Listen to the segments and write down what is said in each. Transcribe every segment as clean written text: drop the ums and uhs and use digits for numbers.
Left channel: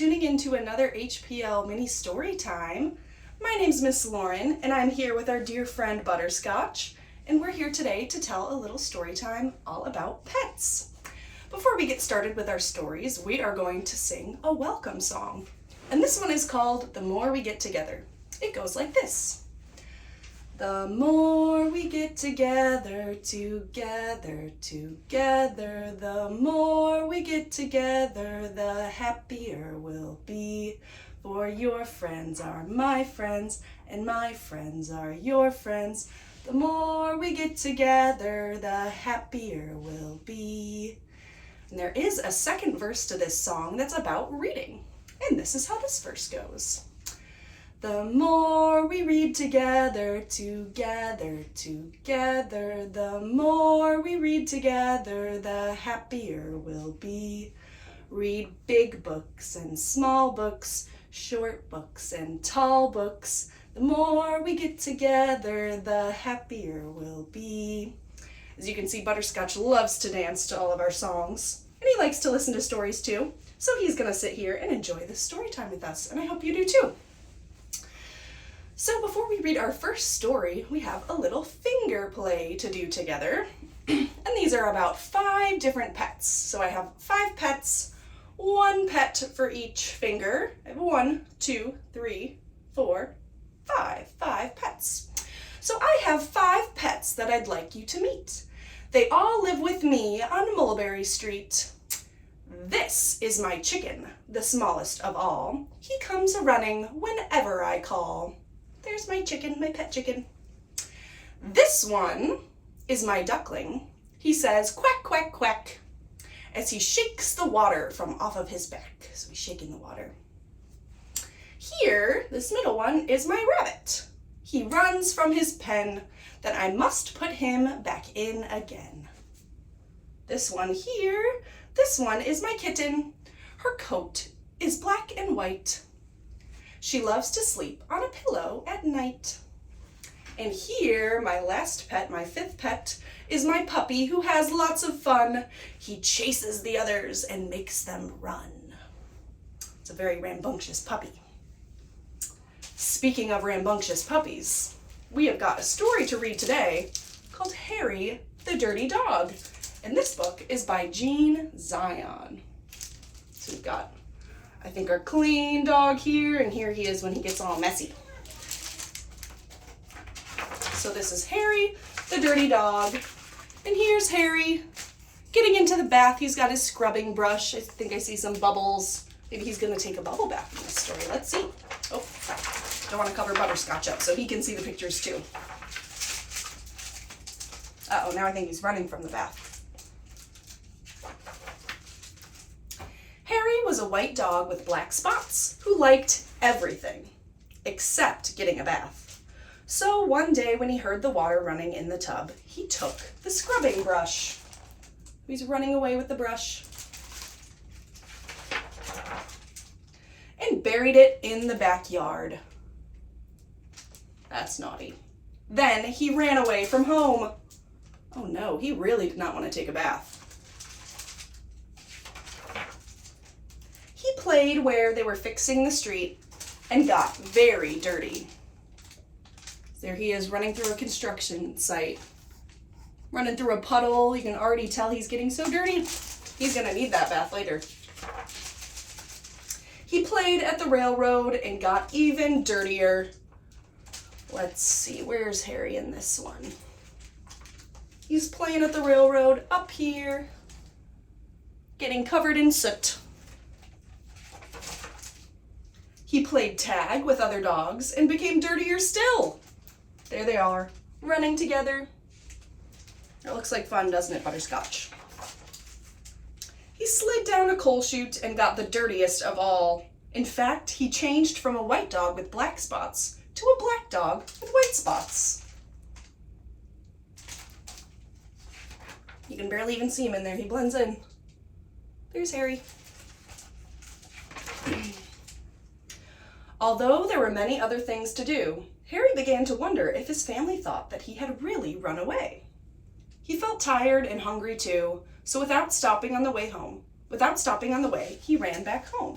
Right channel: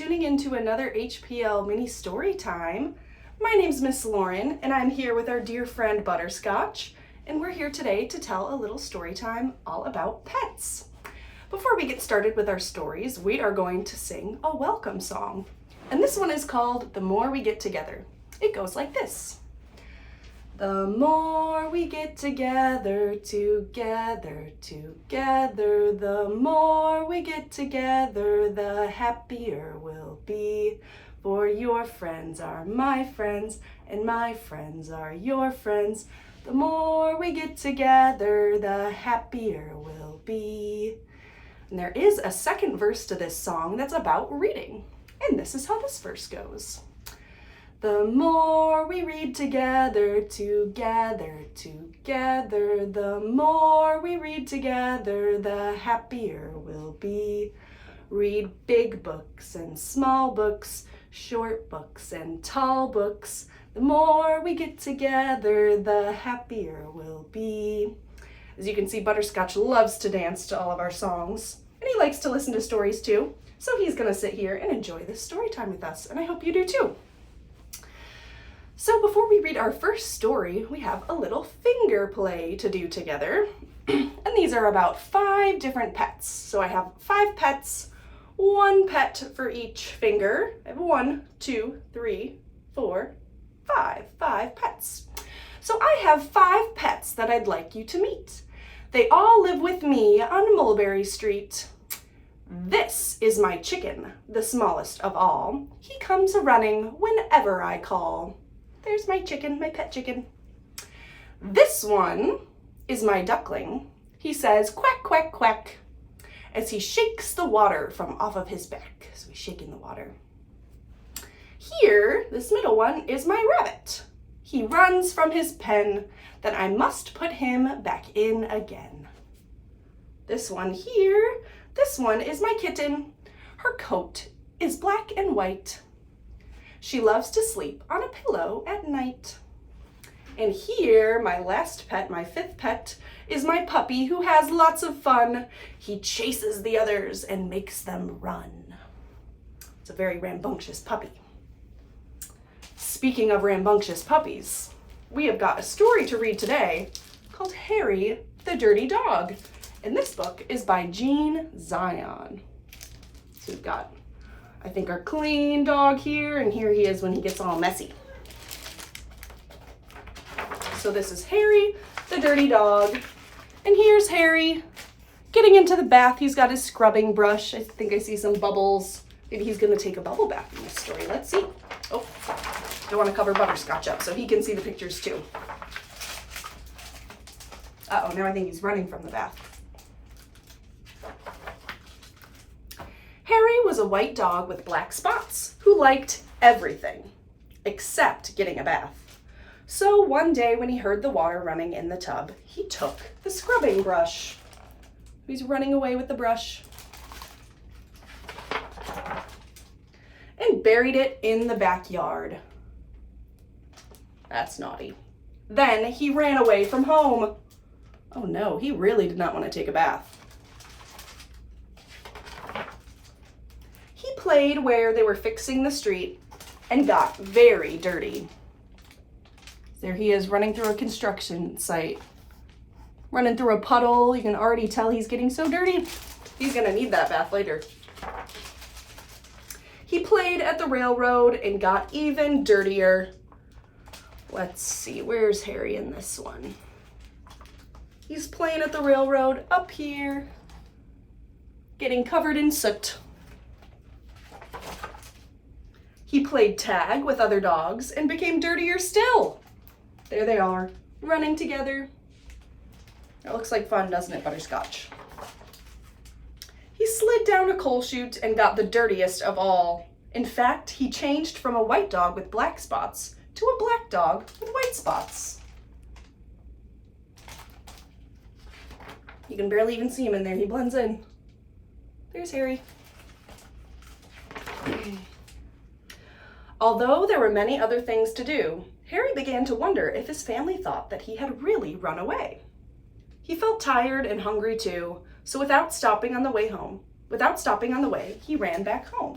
tuning in to another HPL mini story time. My name's Miss Lauren, and I'm here with our dear friend Butterscotch, and we're here today to tell a little story time all about pets. Before we get started with our stories, we are going to sing a welcome song, and this one is called The More We Get Together. It goes like this. The more we get together, together, the more we get together, the happier we'll be. For your friends are my friends, and my friends are your friends. The more we get together, the happier we'll be. And there is a second verse to this song that's about reading. And this is how this verse goes. The more we read together, together, the more we read together, the happier we'll be. Read big books and small books, short books and tall books. The more we get together, the happier we'll be. As you can see, Butterscotch loves to dance to all of our songs, and he likes to listen to stories too. So he's gonna sit here and enjoy this story time with us, and I hope you do too. So before we read our first story, we have a little finger play to do together. And these are about 5 different pets. So I have 5 pets, 1 pet for each finger. I have 1, 2, 3, 4, 5 pets. So I have 5 pets that I'd like you to meet. They all live with me on Mulberry Street. This is my chicken, the smallest of all. He comes a-running whenever I call. There's my chicken, my pet chicken. This one is my duckling. He says quack, quack, quack as he shakes the water from off of his back. So he's shaking the water. Here, this middle one is my rabbit. He runs from his pen, then I must put him back in again. This one here, this one is my kitten. Her coat is black and white. She loves to sleep on a pillow at night. And here, my last pet, my 5th pet, is my puppy who has lots of fun. He chases the others and makes them run. It's a very rambunctious puppy. Speaking of rambunctious puppies, we have got a story to read today called Harry the Dirty Dog. And this book is by Jean Zion. So we've got, I think, our clean dog here, and here he is when he gets all messy. So this is Harry, the dirty dog, and here's Harry getting into the bath. He's got his scrubbing brush. I think I see some bubbles. Maybe he's gonna take a bubble bath in this story. Let's see. Oh, don't want to cover Butterscotch up so he can see the pictures too. Uh-oh, now I think he's running from the bath. Harry was a white dog with black spots who liked everything except getting a bath. So one day when he heard the water running in the tub, he took the scrubbing brush. He's running away with the brush and buried it in the backyard. That's naughty. Then he ran away from home. Oh no, he really did not want to take a bath. He played where they were fixing the street and got very dirty. There he is running through a construction site, running through a puddle. You can already tell he's getting so dirty. He's gonna need that bath later. He played at the railroad and got even dirtier. Let's see, where's Harry in this one? He's playing at the railroad up here, getting covered in soot. He played tag with other dogs and became dirtier still. There they are, running together. It looks like fun, doesn't it, Butterscotch? He slid down a coal chute and got the dirtiest of all. In fact, he changed from a white dog with black spots to a black dog with white spots. You can barely even see him in there. He blends in. There's Harry. Although there were many other things to do, Harry began to wonder if his family thought that he had really run away. He felt tired and hungry too, so without stopping on the way, he ran back home.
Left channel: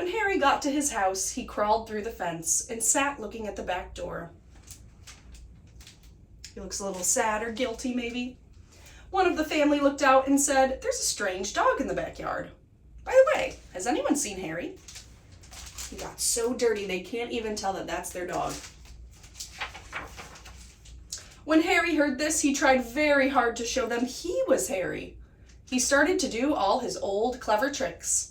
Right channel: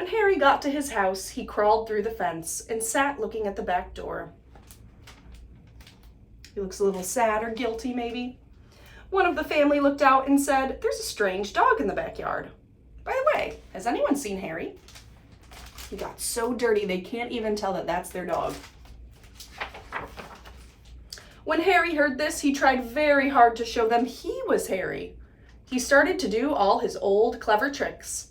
When Harry got to his house, he crawled through the fence and sat looking at the back door. He looks a little sad or guilty, maybe. One of the family looked out and said, "There's a strange dog in the backyard." By the way, has anyone seen Harry? He got so dirty they can't even tell that that's their dog. When Harry heard this, he tried very hard to show them he was Harry. He started to do all his old clever tricks.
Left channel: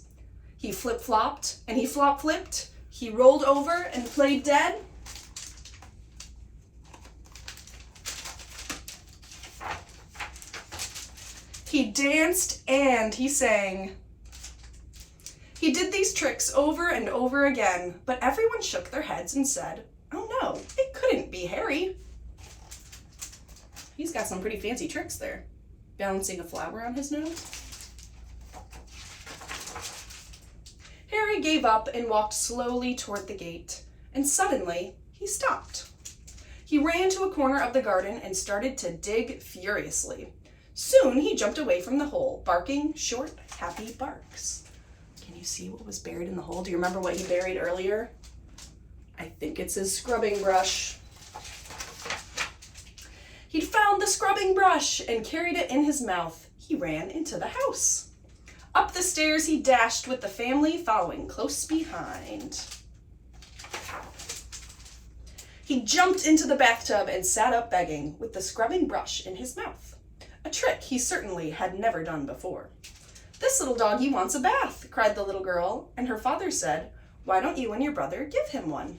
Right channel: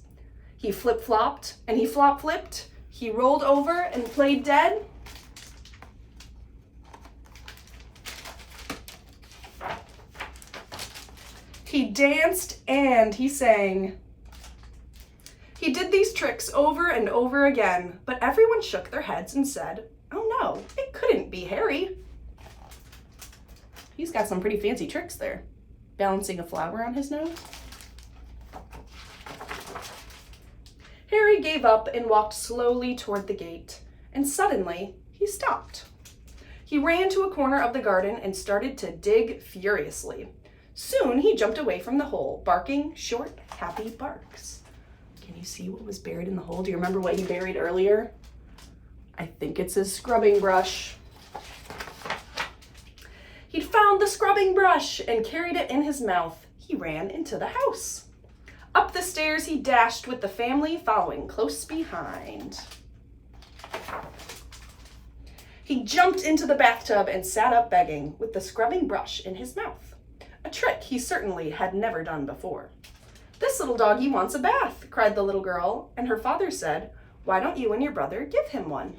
He flip-flopped and he flop-flipped. He rolled over and played dead. He danced and he sang. He did these tricks over and over again, but everyone shook their heads and said, "Oh no, it couldn't be Harry." He's got some pretty fancy tricks there. Balancing a flower on his nose. Harry gave up and walked slowly toward the gate, and suddenly he stopped. He ran to a corner of the garden and started to dig furiously. Soon he jumped away from the hole, barking short, happy barks. Can you see what was buried in the hole? Do you remember what he buried earlier? I think it's his scrubbing brush. He'd found the scrubbing brush and carried it in his mouth. He ran into the house. Up the stairs he dashed with the family following close behind. He jumped into the bathtub and sat up begging with the scrubbing brush in his mouth. A trick he certainly had never done before. "This little doggy wants a bath," cried the little girl, and her father said, "Why don't you and your brother give him one?"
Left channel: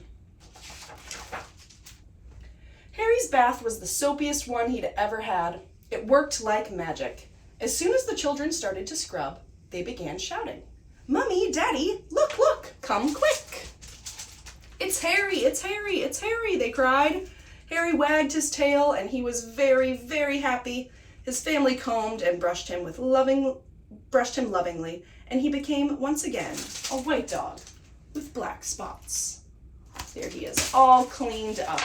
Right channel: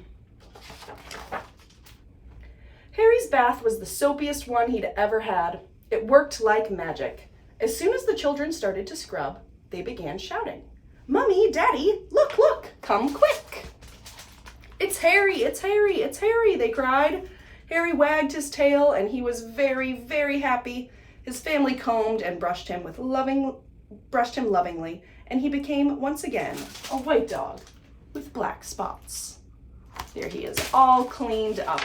Harry's bath was the soapiest one he'd ever had. It worked like magic. As soon as the children started to scrub, they began shouting, "Mummy, Daddy, look, look, come quick." "It's Harry, it's Harry, it's Harry," they cried. Harry wagged his tail and he was very, very happy. His family combed and brushed him lovingly, and he became once again a white dog with black spots. There he is, all cleaned up.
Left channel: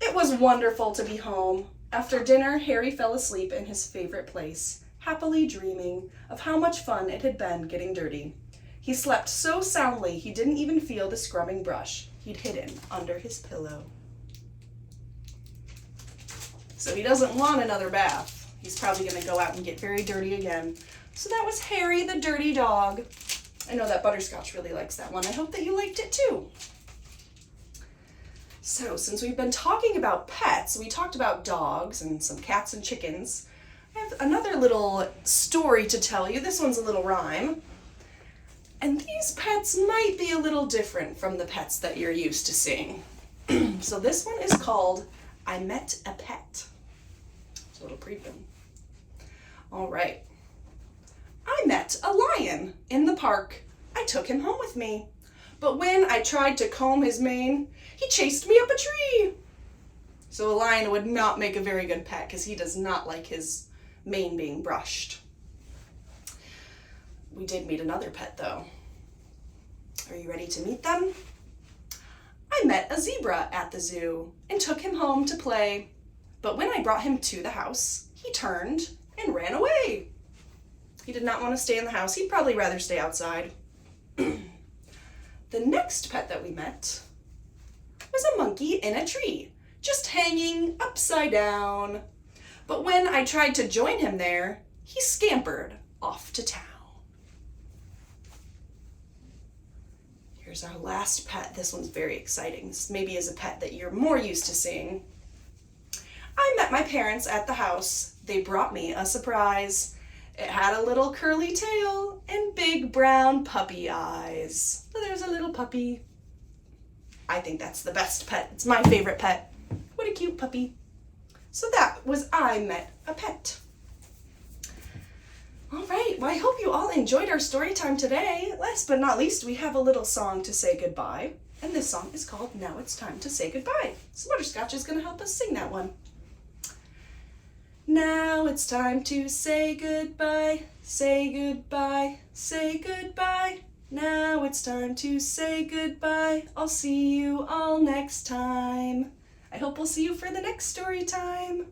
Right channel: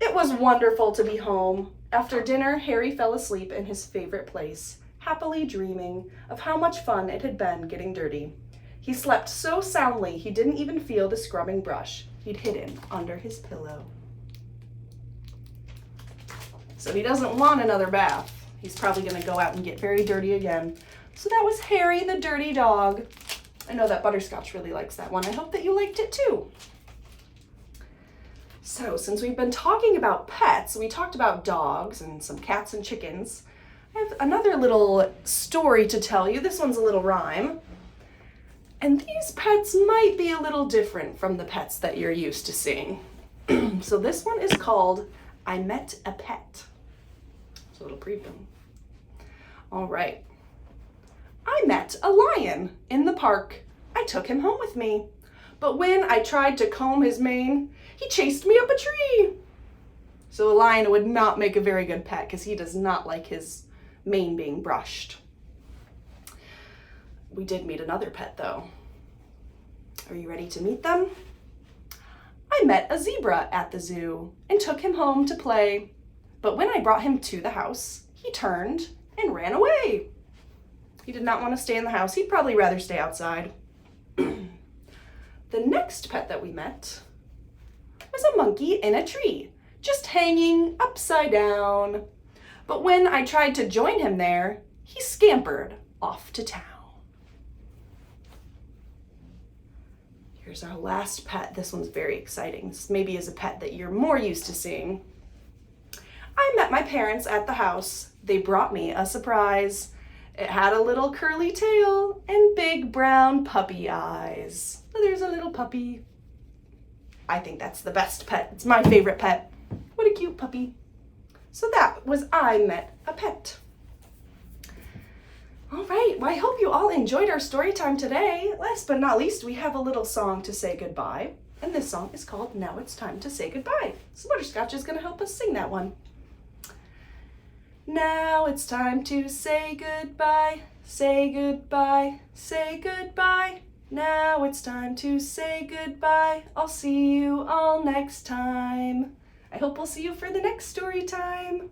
It was wonderful to be home. After dinner, Harry fell asleep in his favorite place, happily dreaming of how much fun it had been getting dirty. He slept so soundly he didn't even feel the scrubbing brush he'd hidden under his pillow. So he doesn't want another bath. He's probably going to go out and get very dirty again. So that was Harry the dirty dog. I know that Butterscotch really likes that one. I hope that you liked it too. So since we've been talking about pets, we talked about dogs and some cats and chickens. I have another little story to tell you. This one's a little rhyme. And these pets might be a little different from the pets that you're used to seeing. So this one is called I Met a Pet. So it'll preview. All right. I met a lion in the park. I took him home with me. But when I tried to comb his mane, he chased me up a tree. So the lion would not make a very good pet because he does not like his mane being brushed. We did meet another pet though. Are you ready to meet them? I met a zebra at the zoo and took him home to play. But when I brought him to the house, he turned and ran away. He did not want to stay in the house. He'd probably rather stay outside. The next pet that we met was a monkey in a tree, just hanging upside down. But when I tried to join him there, he scampered off to town. Here's our last pet. This one's very exciting. This maybe is a pet that you're more used to seeing. I met my parents at the house. They brought me a surprise. It had a little curly tail and big brown puppy eyes. So there's a little puppy. I think that's the best pet. It's my favorite pet. What a cute puppy. So that was I Met a Pet. All right, well, I hope you all enjoyed our story time today. Last but not least, we have a little song to say goodbye. And this song is called Now It's Time to Say Goodbye. So Butterscotch is gonna help us sing that one. Now it's time to say goodbye, say goodbye, say goodbye. Now it's time to say goodbye. I'll see you all next time. I hope we'll see you for the next story time.